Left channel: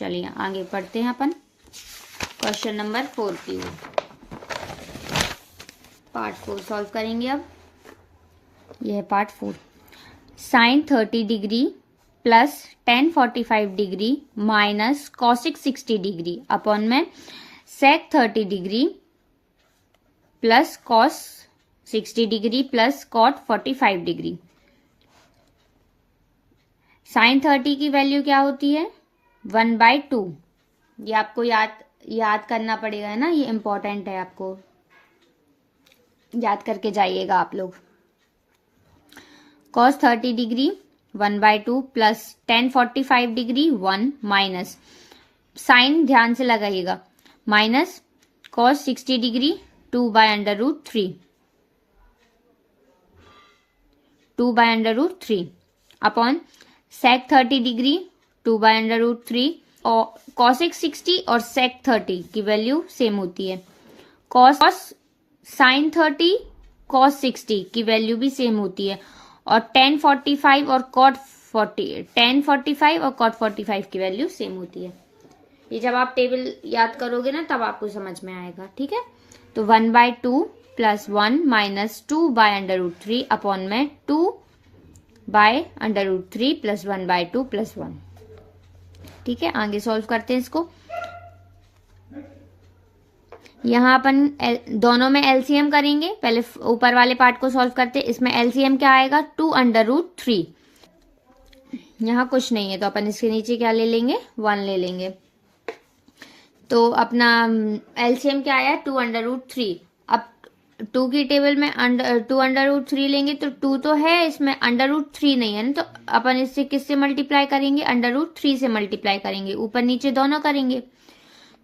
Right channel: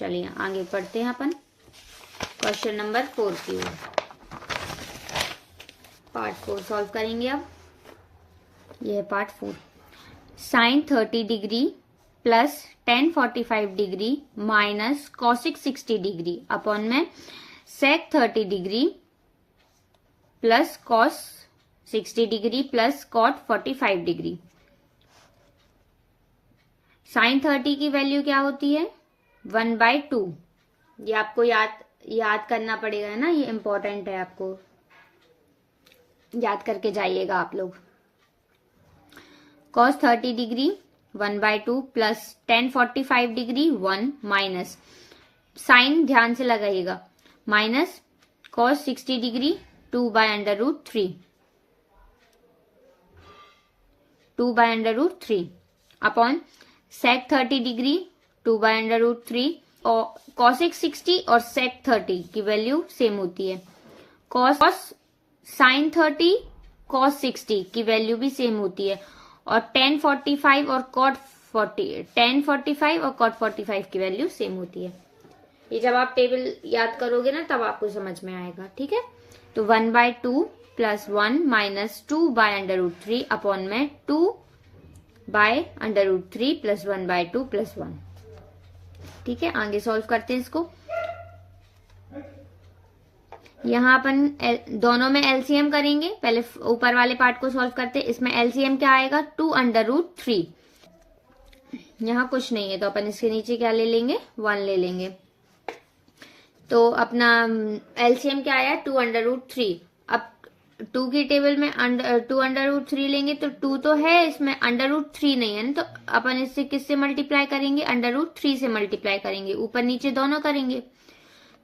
चलिए आगे पढ़ते हैं अपन क्वेश्चन नंबर 4 की ओर। पार्ट 4 सॉल्व करेंगे अब। यह है part 4। Sine 30 degree plus tan 45 degree minus cosec 60 degree upon में sec 30 degree plus cos 60 degree plus cot 45 degree. Sine 30 की वैल्यू क्या होती है 1/2। ये आपको याद करना पड़ेगा, है ना, ये इंपॉर्टेंट है, आपको याद करके जाइएगा आप लोग। Cos 30 degree 1/2 plus tan 45 degree 1 minus sine ध्यान से लगाइएगा minus cos 60 degree 2/√3 2/√3 upon sec 30 degree 2/√3 और कॉसिक 60 और सेक 30 की वैल्यू सेम होती है। कॉस साइन 30 कॉस 60 की वैल्यू भी सेम होती है और tan 45 और कॉट 45 की वैल्यू सेम होती है। ये जब आप टेबल याद करोगे ना तब आपको समझ में आएगा, ठीक है। तो 1/2 प्लस 1 माइनस 2/√3 अपॉन में 2/√3 प्लस 1/2 प्लस 1। ठीक है, आगे सॉल्व करते हैं इसको। यहाँ अपन दोनों में एलसीएम करेंगे। पहले ऊपर वाले पार्ट को सॉल्व करते हैं। इसमें एलसीएम क्या आएगा 2/√3। यहाँ कुछ नहीं है तो अपन इसके नीचे क्या ले लेंगे 1 ले लेंगे। तो अपना एलसीएम क्या आया 2/√3। अब 2 की टेबल में 2/√3 लेंगे तो 2 तो है, इसमें √3 नहीं है ना, तो अपन इससे किससे मल्टीप्लाई करेंगे √3 से मल्टीप्लाई करेंगे, ऊपर नीचे दोनों करेंगे।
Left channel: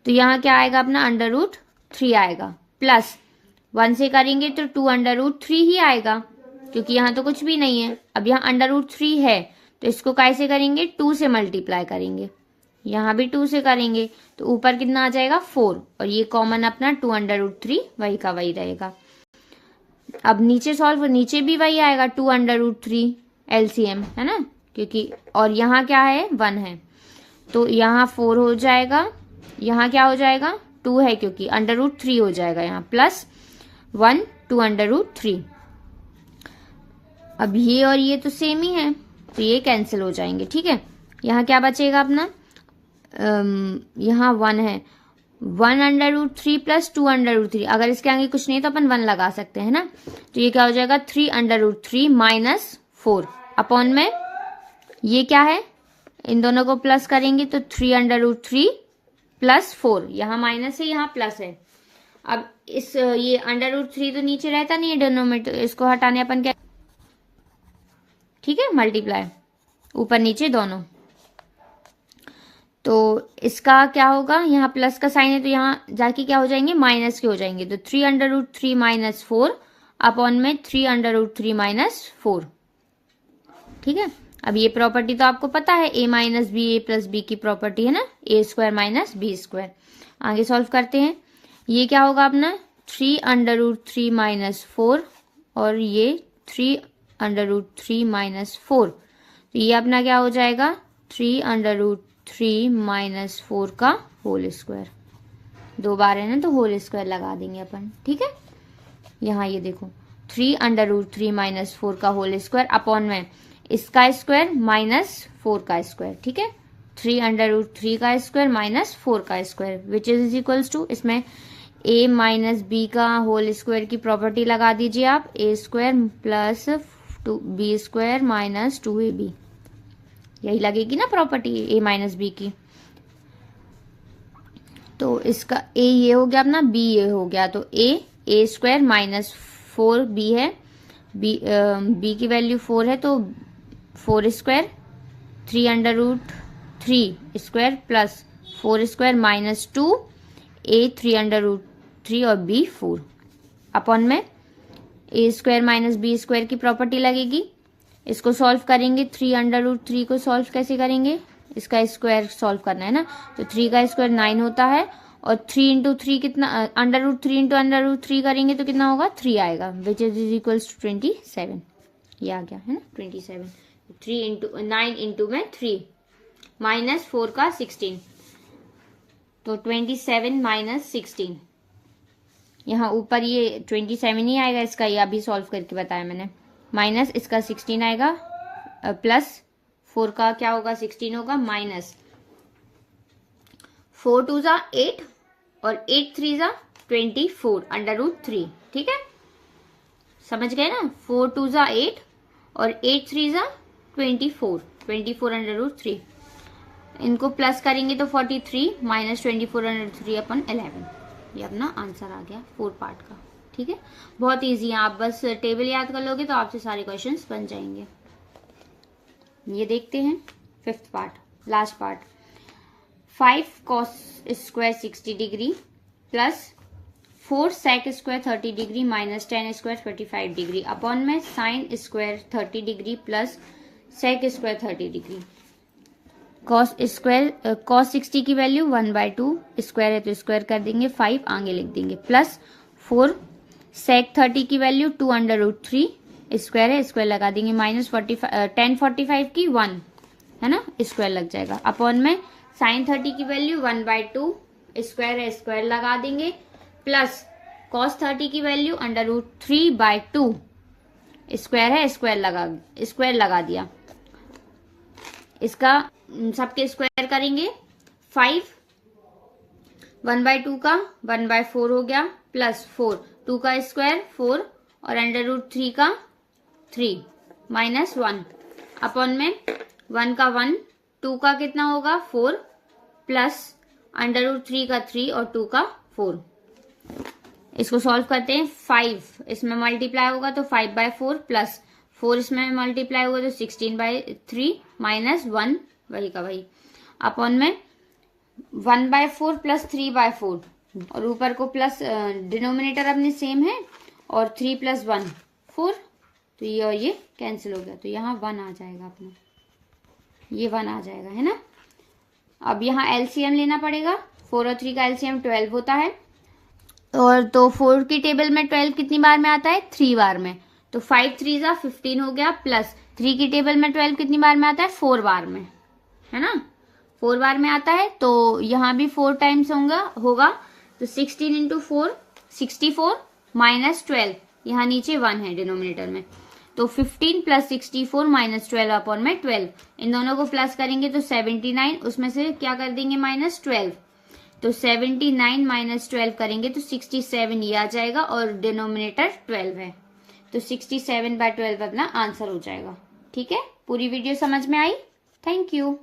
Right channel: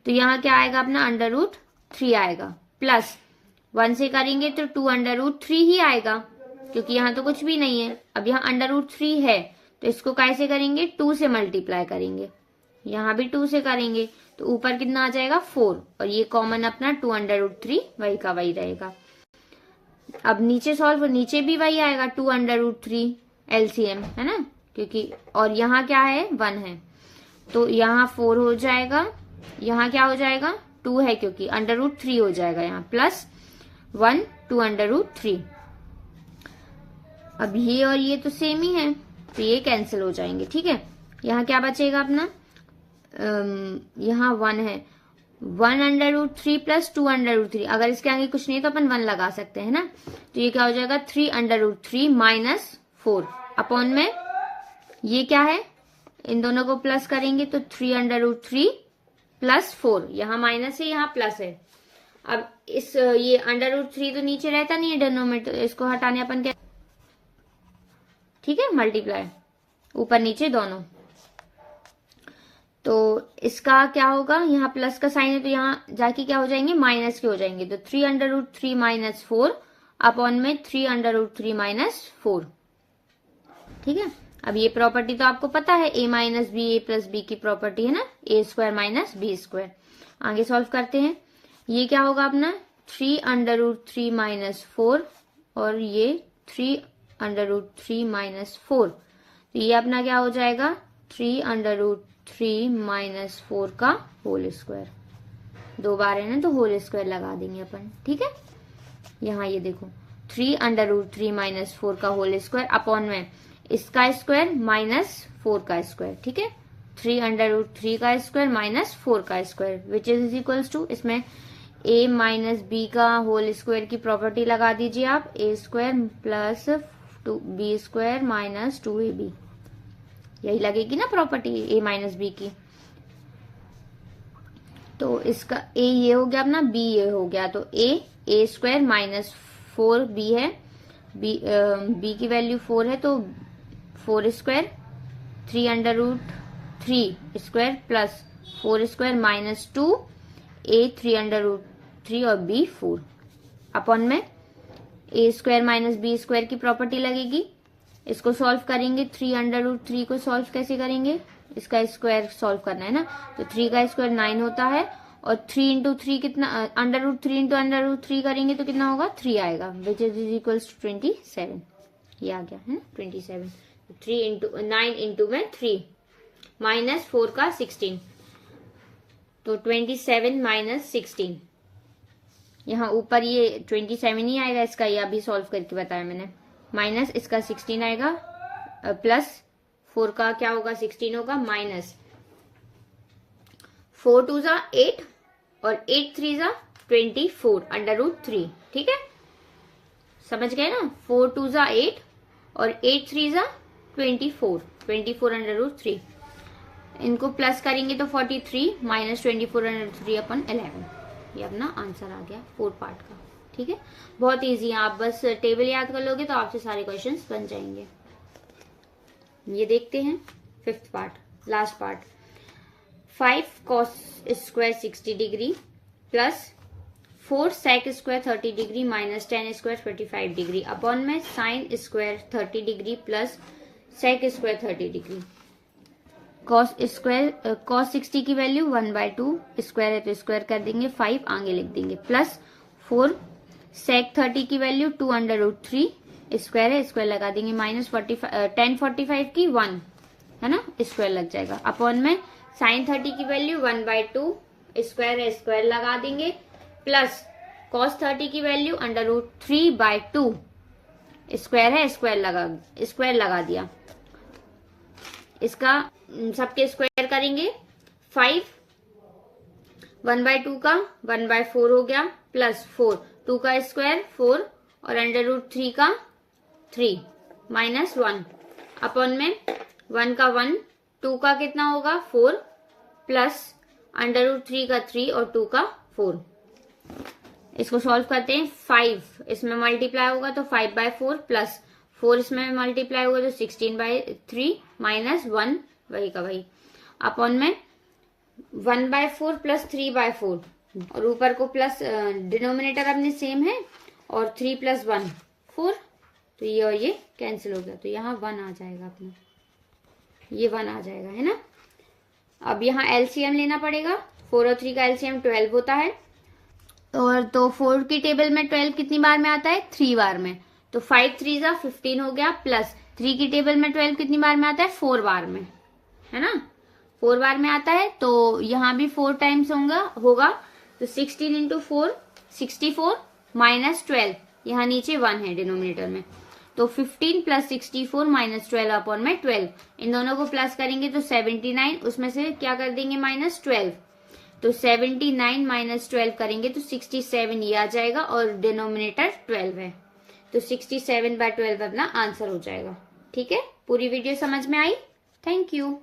तो यहाँ क्या आएगा अपना √3 आएगा प्लस 1 से करेंगे तो 2/√3 ही आएगा क्योंकि यहाँ तो कुछ भी नहीं है। अब यहाँ √3 है तो इसको कैसे करेंगे 2 से मल्टीप्लाई करेंगे, यहाँ भी 2 से करेंगे तो ऊपर कितना आ जाएगा 4 और ये कॉमन अपना 2/√3 वही का वही रहेगा। अब नीचे सॉल्व, नीचे भी वही आएगा 2/√3 एलसीएम, है ना, क्योंकि और यहाँ क्या है 1 है तो यहाँ 4 हो जाएगा, यहाँ क्या हो जाएगा 2 है क्योंकि √3 हो जाएगा यहाँ प्लस 1 2/√3। अब ये और ये तो सेम ही है तो ये कैंसिल हो जाएंगे। ठीक है, यहाँ क्या बचेगा अपना यहाँ 1 है 1/√3 प्लस 2/√3। अगर इसके आगे कुछ नहीं तो अपन 1 लगा सकते हैं ना, तो ये क्या हो जाएगा 3/√3 माइनस 4 अपॉन में ये क्या है, इन दोनों को प्लस करेंगे तो 3/√3 प्लस 4, यहाँ माइनस है यहाँ प्लस है। अब इस ये √3 तो नीचे रहता नहीं है डिनोमिनेटर, इसको हटाने अपन क्या, ठीक है, मल्टीप्लाई ऊपर नीचे दोनों। तो इसका क्या होगा, यहाँ प्लस का साइन है तो यहाँ जाके क्या हो जाएंगे माइनस के हो जाएंगे। तो 3/√3 माइनस 4 अपॉन में 3/√3 माइनस 4। ठीक है, अब ये प्रॉपर्टी तो आपको पता है a minus b a plus b की प्रॉपर्टी है ना, a² माइनस b²। आगे सॉल्व करते हैं। ये क्या होगा अपना 3/√3 माइनस 4 और ये 3/√3 माइनस 4। तो ये अपना क्या हो जाएगा 3/√3 माइनस 4 का होल स्क्वायर। 2 बार है ना तो होल स्क्वायर लगा देंगे अपन। ठीक है, यहाँ ये देखो 3/√3 माइनस 4 का होल स्क्वायर अपॉन में इसका स्क्वायर माइनस 4 का स्क्वायर। ठीक है, 3/√3 का स्क्वायर माइनस 4 का square which is equals to, इसमें a माइनस बी का होल स्क्वायर की प्रॉपर्टी लगा दीजिए आप, a² plus b² minus 2ab। यही लगेगी ना प्रॉपर्टी a माइनस बी की। तो इसका a ये हो गया अपना, b ये हो गया, तो a² माइनस 4b है, b की वैल्यू 4 है तो 4² 3/√3 स्क्वायर प्लस 4² माइनस 2 a 3/√3 और b 4 अपॉन में a² माइनस b² की प्रॉपर्टी लगेगी। इसको सॉल्व करेंगे, 3/√3 को सॉल्व कैसे करेंगे, इसका स्क्वायर सॉल्व करना है ना, तो 3 का स्क्वायर 9 होता है और 3 इंटू 3 कितना, √3 इंटू √3 करेंगे तो कितना होगा 3 आएगा विच इज इक्वल्स टू 27। ये आ गया है ना 27। 3 इंटू 9 इंटू में 3 माइनस 4 का 16 तो 27 माइनस 16, यहाँ ऊपर ये 27 ही आएगा इसका, ये अभी सॉल्व करके बताया मैंने, माइनस इसका 16 आएगा, प्लस 4 का क्या होगा 16 होगा, माइनस 4 2 जा 8 और 8 3 जा 24 अंडर रूट 3। ठीक है, समझ गए ना, 4 2 जा 8 और 8 3 जा 24 अंडर रूट 3। इनको प्लस करेंगे तो 43 माइनस 24 अंडर 3 अपन 11। ये अपना आंसर आ गया 4 पार्ट का। ठीक है, बहुत इजी है, आप बस टेबल याद कर लोगे तो आपसे सारे क्वेश्चंस बन जाएंगे। ये देखते हैं 5th part, last part. 5 cos square 60 degree plus 4 sec square 30 degree minus 10 square 45 degree upon में sine square 30 degree plus sec square 30 degree. cos 60 की वैल्यू 1/2, स्क्वायर है तो स्क्वायर कर देंगे, 5 आगे लिख देंगे, प्लस 4 sec 30 की वैल्यू 2 अंडर रूट 3, स्क्वायर है स्क्वायर लगा देंगे, माइनस 10 45 की 1 है ना, स्क्वायर लग जाएगा, अपॉन में साइन 30 की वैल्यू 1/2, स्क्वायर है स्क्वायर लगा देंगे, प्लस cos 30 की वैल्यू अंडर रूट 3/2, स्क्वायर है स्क्वायर लगा दिया, इसका सबके स्क्वायर करेंगे, 5 1/2 का 1/4 हो गया, प्लस 4 2 का स्क्वायर 4 और अंडर रूट 3 का 3 माइनस 1 अपॉन में 1 का 1, 2 का कितना होगा 4 प्लस अंडर रूट 3 का 3 और 2 का 4। इसको सॉल्व करते हैं, 5 इसमें मल्टीप्लाई होगा तो 5/4 प्लस 4 इसमें मल्टीप्लाई होगा तो 16/3 माइनस 1 वही का वही अपॉन में 1/4 प्लस 3/4 और ऊपर को प्लस, डिनोमिनेटर अपने सेम है और 3 प्लस 1 4, तो ये और ये कैंसिल हो गया, तो यहाँ 1 आ जाएगा अपना, ये 1 आ जाएगा है ना। अब यहाँ एलसीएम लेना पड़ेगा, 4 और 3 का एलसीएम 12 होता है, और तो 4 की टेबल में 12 कितनी बार में आता है 3 बार में, तो 5 3 जा 15 हो गया, प्लस 3 की टेबल में 12 कितनी बार में आता है 4 बार में, है ना, 4 बार में आता है, तो यहाँ भी 4 टाइम्स होगा, तो 16 इंटू 4 64 माइनस 12, यहाँ नीचे 1 है डिनोमिनेटर में, तो 15 प्लस 64 माइनस 12 अपॉन में 12, इन दोनों को प्लस करेंगे तो 79, उसमें से क्या कर देंगे माइनस 12, तो 79 माइनस 12 करेंगे तो 67 ये आ जाएगा और डिनोमिनेटर 12 है, तो 67/12 अपना आंसर हो जाएगा। ठीक है, पूरी वीडियो समझ में आई, थैंक यू।